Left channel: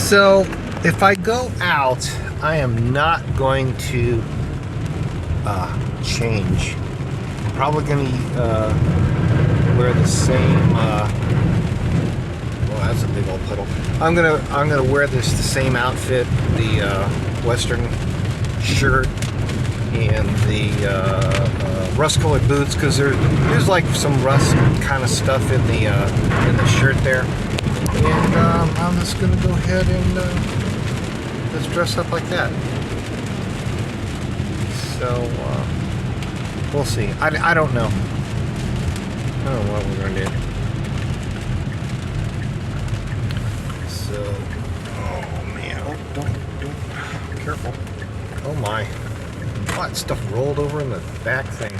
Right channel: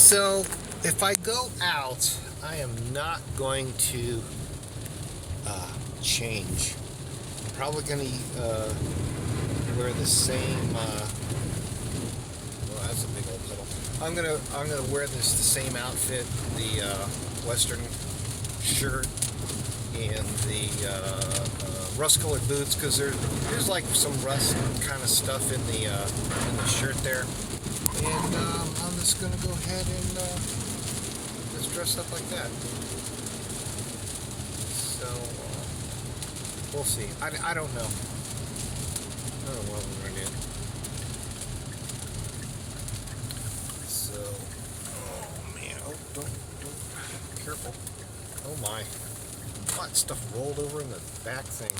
So if I go out, I am not going to change. I'm probably going to wear the same. Well, that's a big old puddle. I'm gonna wear the same outfit, the Western shirt and the rust-colored boots, because there's like some rust kind of stuff in the shirt there. And I'm just gonna go ahead and just dress up like that. So we'll see. I don't know. I don't know what we're gonna do. So, oh man, don't, careful. Oh my, a lot of stuff rolled over in the back thing.